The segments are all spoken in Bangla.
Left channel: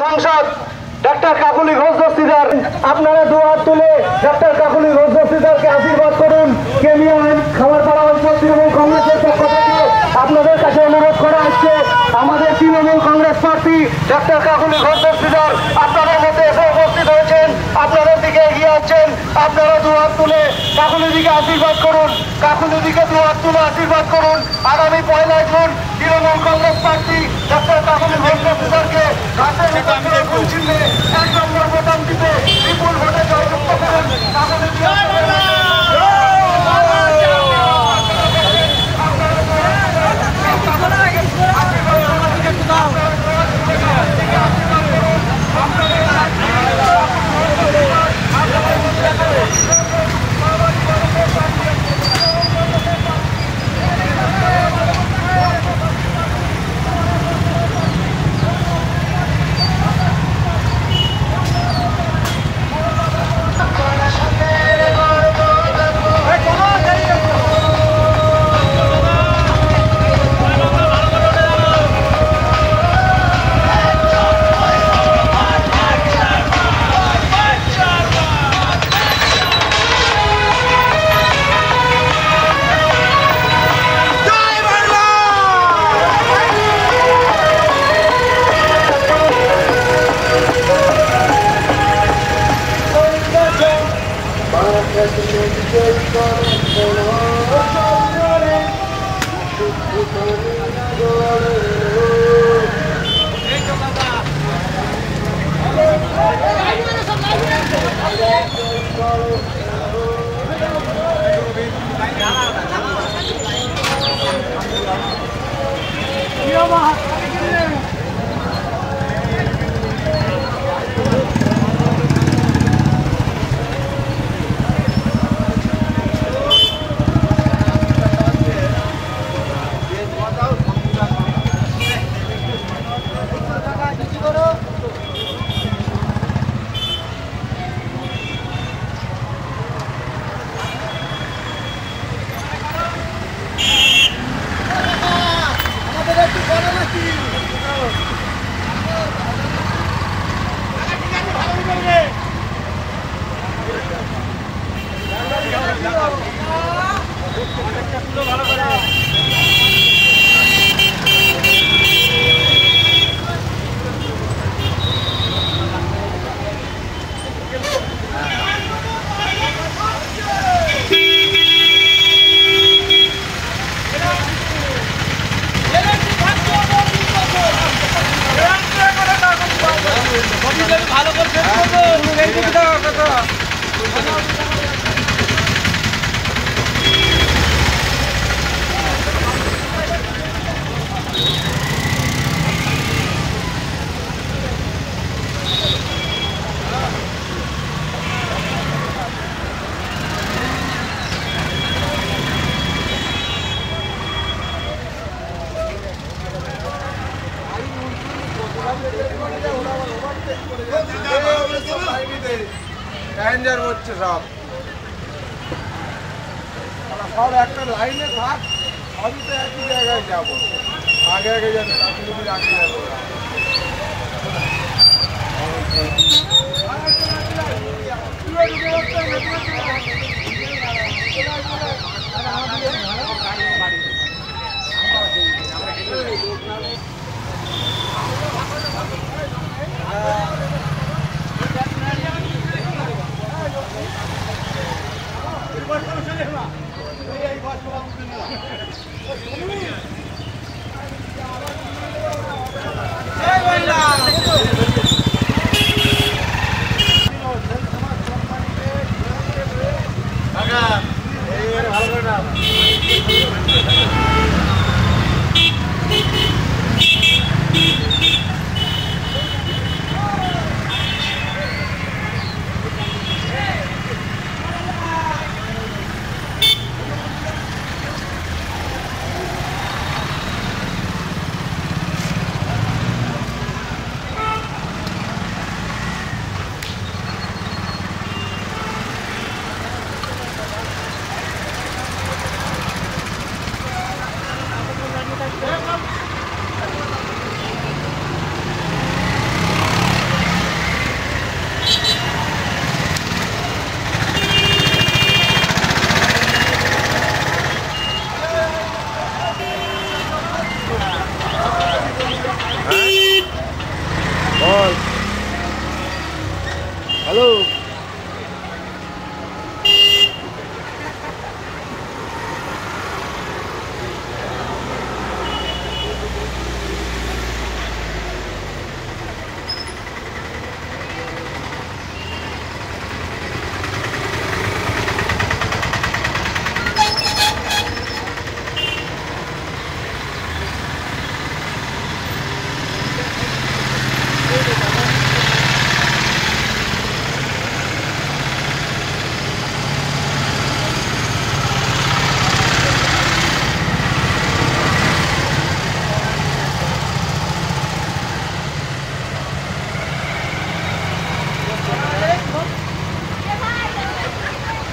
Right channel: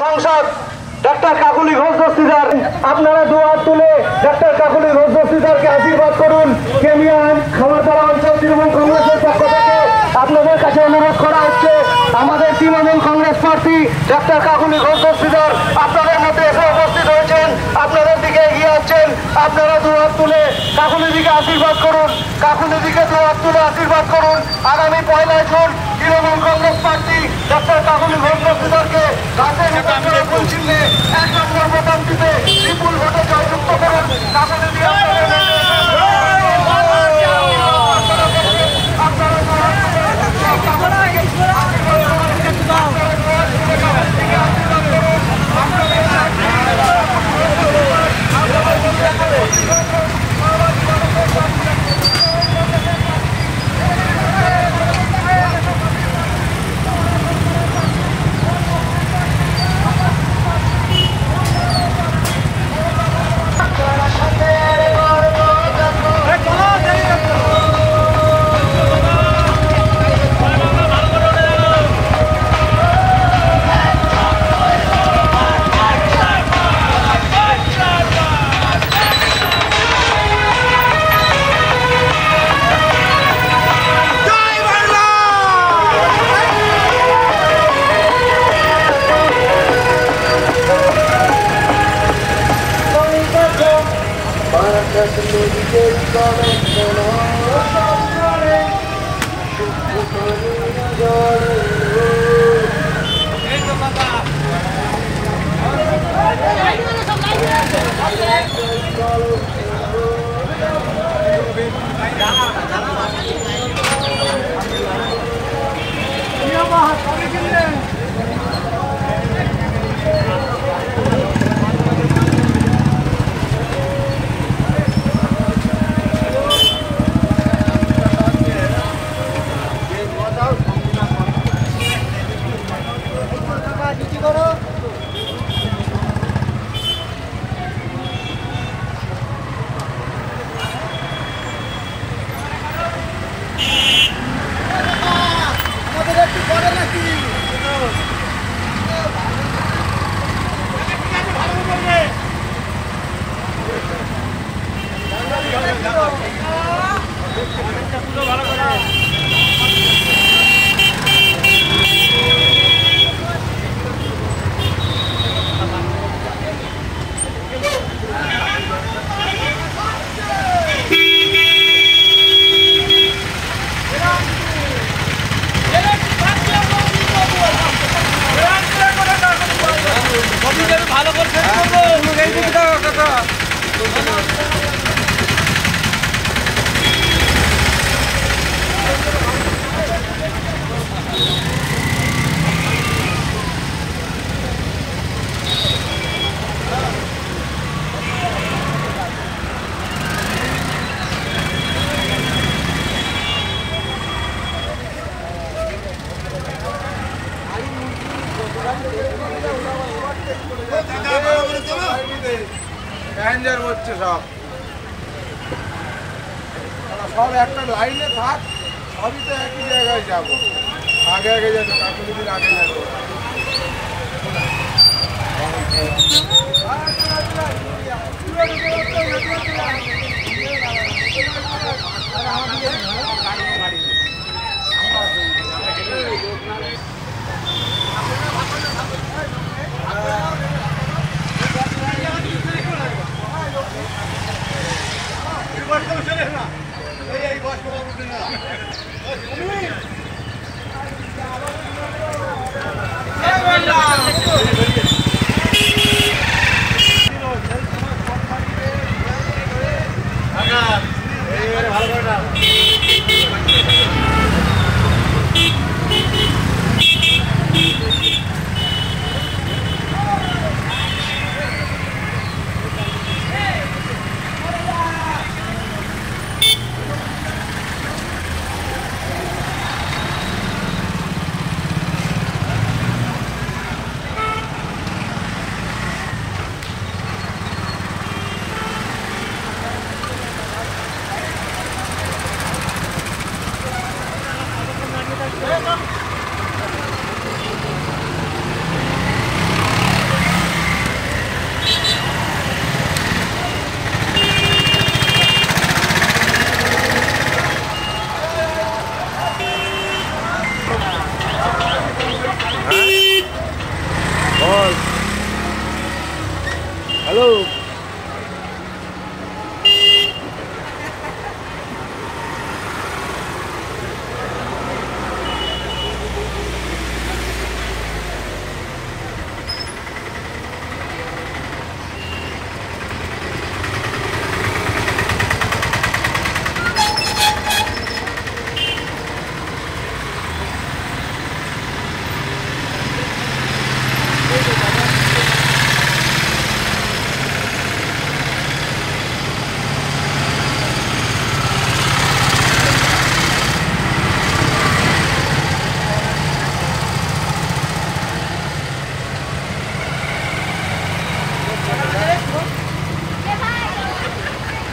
সাংসদ ডক্টর কাকুলি ঘোষ দস্তিদার, আপনারা দুহাত তুলে ডক্টর কাকুলি ঘোষ দস্তিদারকে আশীর্বাদ করুন। কেনিয়া খামারপাড়া অঞ্চল তৃণমূল কংগ্রেসের পক্ষ থেকে আপনাদের কাছে অনুরোধ করা হচ্ছে, আমাদের তৃণমূল কংগ্রেস প্রার্থী ডক্টর কাকুলি ঘোষ দস্তিদার আপনাদের মধ্যে এসে উপস্থিত হয়েছেন, আপনাদের দিকে এগিয়ে আসছেন। আপনারা দুহাত তুলে কাকুলির দিকে আশীর্বাদ করুন, কাকুলির দিকে দুহাত তুলে আশীর্বাদ করুন। আগামী 1 জুন তৃণমূল কংগ্রেস প্রার্থী ডক্টর কাকুলি ঘোষ দস্তিদারকে বিপুল ভোটে জয়যুক্ত ভালো করে প্যাসেঞ্জার হচ্ছে সব সব একটা লাইনে থাক, সবই তো একই জায়গায় যাবো, আগে আগে যাবো, আগে যাবো। ভালো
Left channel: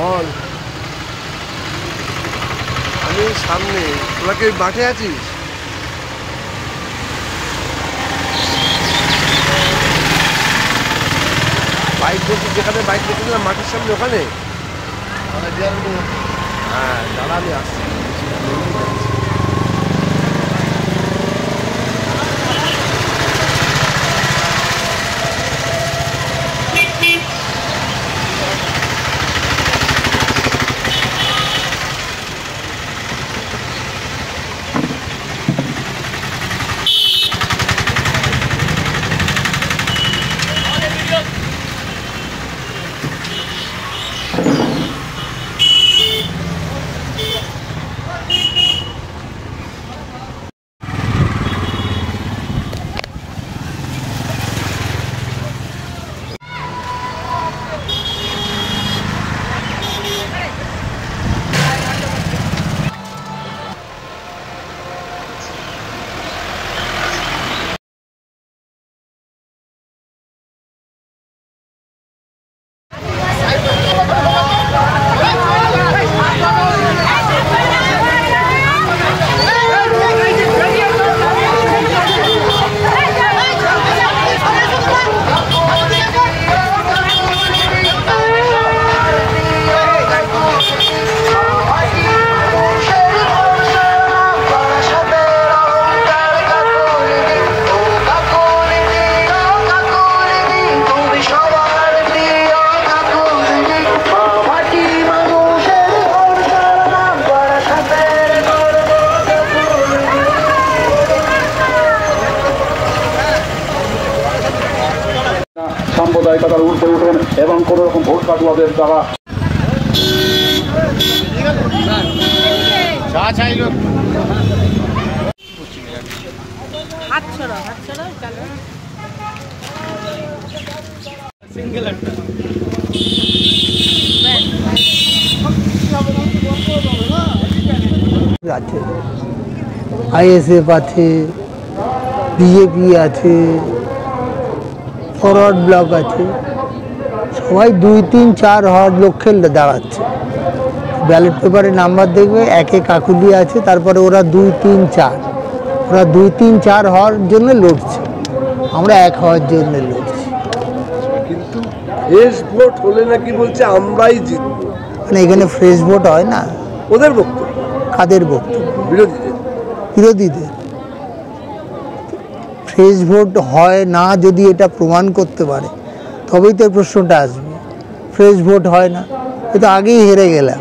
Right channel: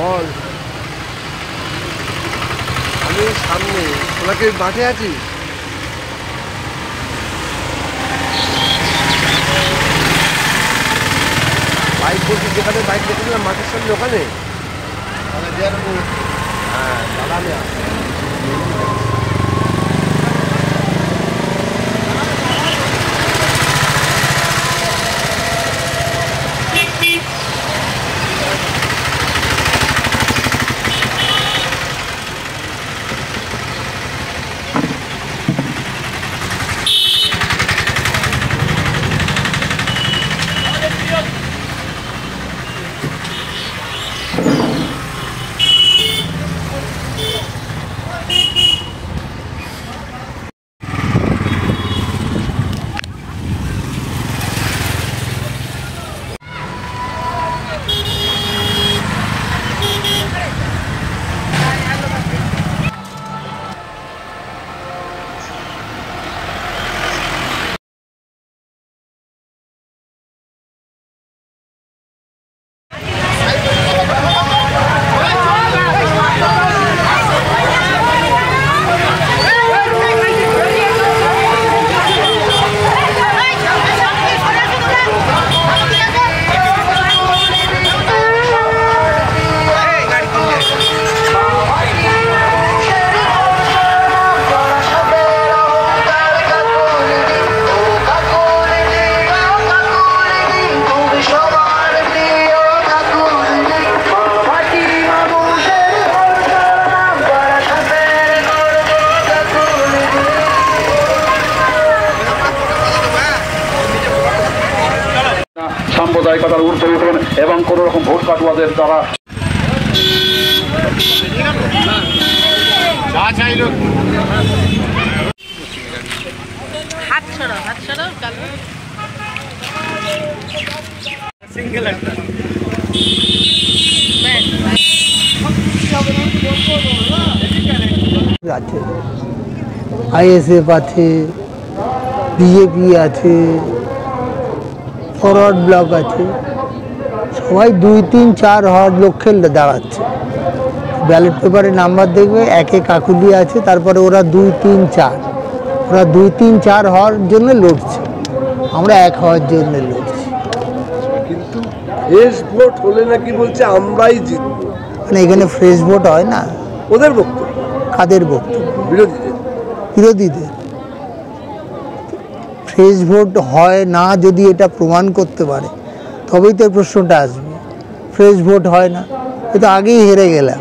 বল, আমি সামনে, তোরা কি মাঠে আছিস? বাইক বলছি, যেখানে বাইক দেখেছিলাম মাঠের সামনে, ওখানে? হ্যাঁ দাদা, আমি আসছি। সাম্প্রদায়িকতার ঊর্ধ্বে উঠুন এবং কোনো রকম ভোট কাটুয়াদের দ্বারা হাত ছড়ো চালু সিঙ্গেল আছে, আইএসএফ আছে, বিজেপি আছে, ফরওয়ার্ড ব্লক আছে, সবাই 2, 3, 4 হওয়ার লক্ষ্যে দাঁড়াচ্ছে। ব্যালট পেপারে নাম্বার দেখবে, একে কাকুলি আছে, তারপরে ওরা 2, 3, 4, ওরা 2, 3, 4 হওয়ার জন্য লড়ছে, আমরা 1 হওয়ার জন্য লড়ছি। কিন্তু ফ্রেশ ভোট হলে নাকি বলছে আমরাই জিতবো। মানে এখানে ফ্রেশ ভোট হয় না। ওদের বক্তব্য। কাদের বক্তব্য? বিরোধীদের। ফ্রেশ ভোট হয় না যদি এটা প্রমাণ করতে পারে তবেই তো প্রশ্নটা আসবে। ফ্রেশ ভোট হয় না, এটা আগেই হেরে গেলাম,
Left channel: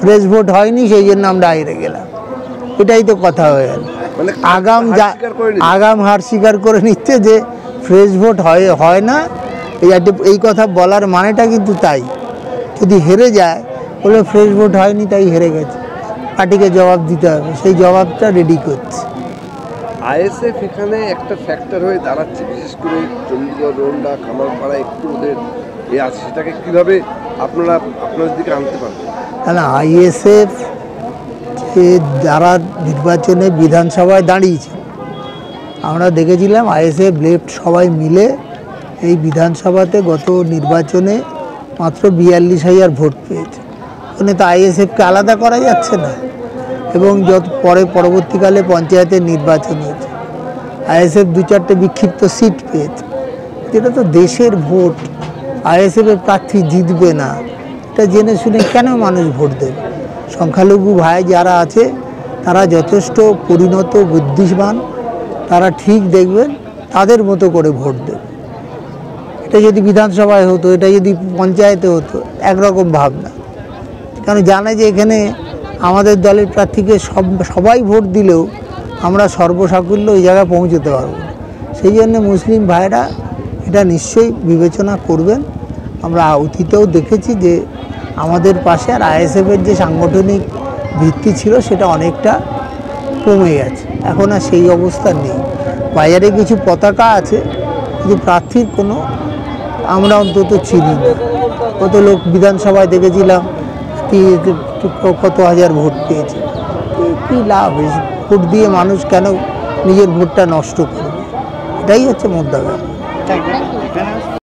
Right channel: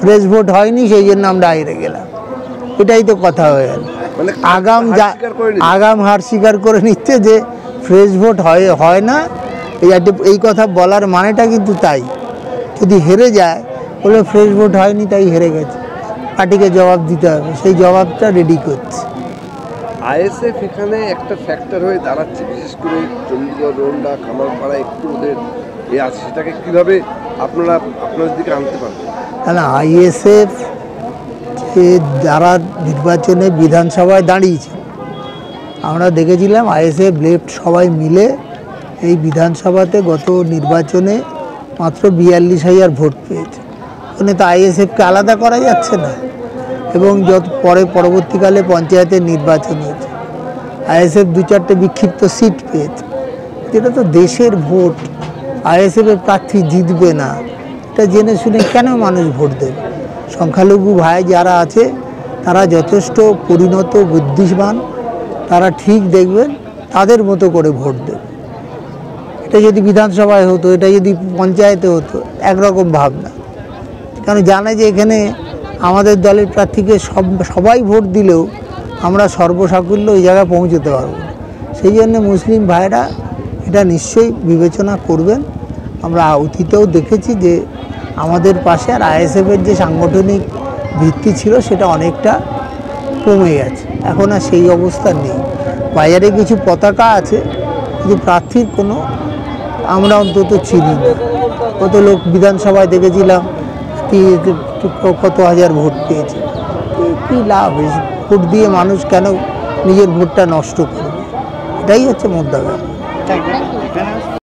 ফ্রেশ ভোট হয়নি সেই জন্য আমরা হেরে গেলাম, এটাই তো কথা হয়ে গেল। মানে আগাম হার স্বীকার করে নিচ্ছে যে ফ্রেশ ভোট হয় না, এই কথা বলার মানেটা কিন্তু তাই। যদি হেরে যায় বলে ফ্রেশ ভোট হয়নি তাই হেরে গেছে, পার্টিকে জবাব দিতে হবে, সেই জবাবটা রেডি করছে। আইএসএফ এখানে একটা ফ্যাক্টর হয়ে দাঁড়াচ্ছে, বিশেষ করে চণ্ডীগড়, রোন্ডা, খামারপাড়া একটু ওদের আছে, সেটাকে কীভাবে আপনারা আপনাদের দিকে আনতে পারবেন? না, আইএসএফ যে যারা নির্বাচনে বিধানসভায় দাঁড়িয়েছে আমরা দেখেছিলাম, আইএসএফ লেফট সবাই মিলে এই বিধানসভাতে গত নির্বাচনে মাত্র 42,000 ভোট পেয়েছে। ওখানে তো আইএসএফকে আলাদা করা যাচ্ছে না। এবং পরবর্তীকালে পঞ্চায়েতের নির্বাচন হয়েছে, আইএসএফ 2-4টে বিক্ষিপ্ত সিট পেয়েছে। যেটা তো দেশের ভোট, আইএসএফের প্রার্থী জিতবে না, এটা জেনে শুনে কেন মানুষ ভোট দেবে? সংখ্যালঘু ভাই যারা আছে তারা যথেষ্ট পরিণত বুদ্ধিমান, তারা ঠিক দেখবেন তাদের মতো করে ভোট দেবে। এটা যদি বিধানসভায় হতো, এটা যদি পঞ্চায়েতে হতো, একরকম ভাবনা। কারণ জানে যে এখানে আমাদের দলের প্রার্থীকে সবাই ভোট দিলেও আমরা সর্বসাকুল্য ওই জায়গায় পৌঁছতে পারব না। সেই জন্য মুসলিম ভাইরা এটা নিশ্চয়ই বিবেচনা করবেন। আমরা অতীতেও দেখেছি যে আমাদের পাশে আর আইএসএফের যে সাংগঠনিক ভিত্তি ছিল সেটা অনেকটা কমে গেছে, এখন আর সেই অবস্থা নেই। বাজারে কিছু পতাকা আছে কিন্তু প্রার্থীর কোনো আমরা অন্তত চিনি না। কত লোক বিধানসভায় দেখেছিলাম কত হাজার ভোট পেয়েছে, কী লাভ? ভোট দিয়ে মানুষ কেন নিজের ভোটটা নষ্ট করবে? এটাই হচ্ছে মুদ্রা ব্যাপার।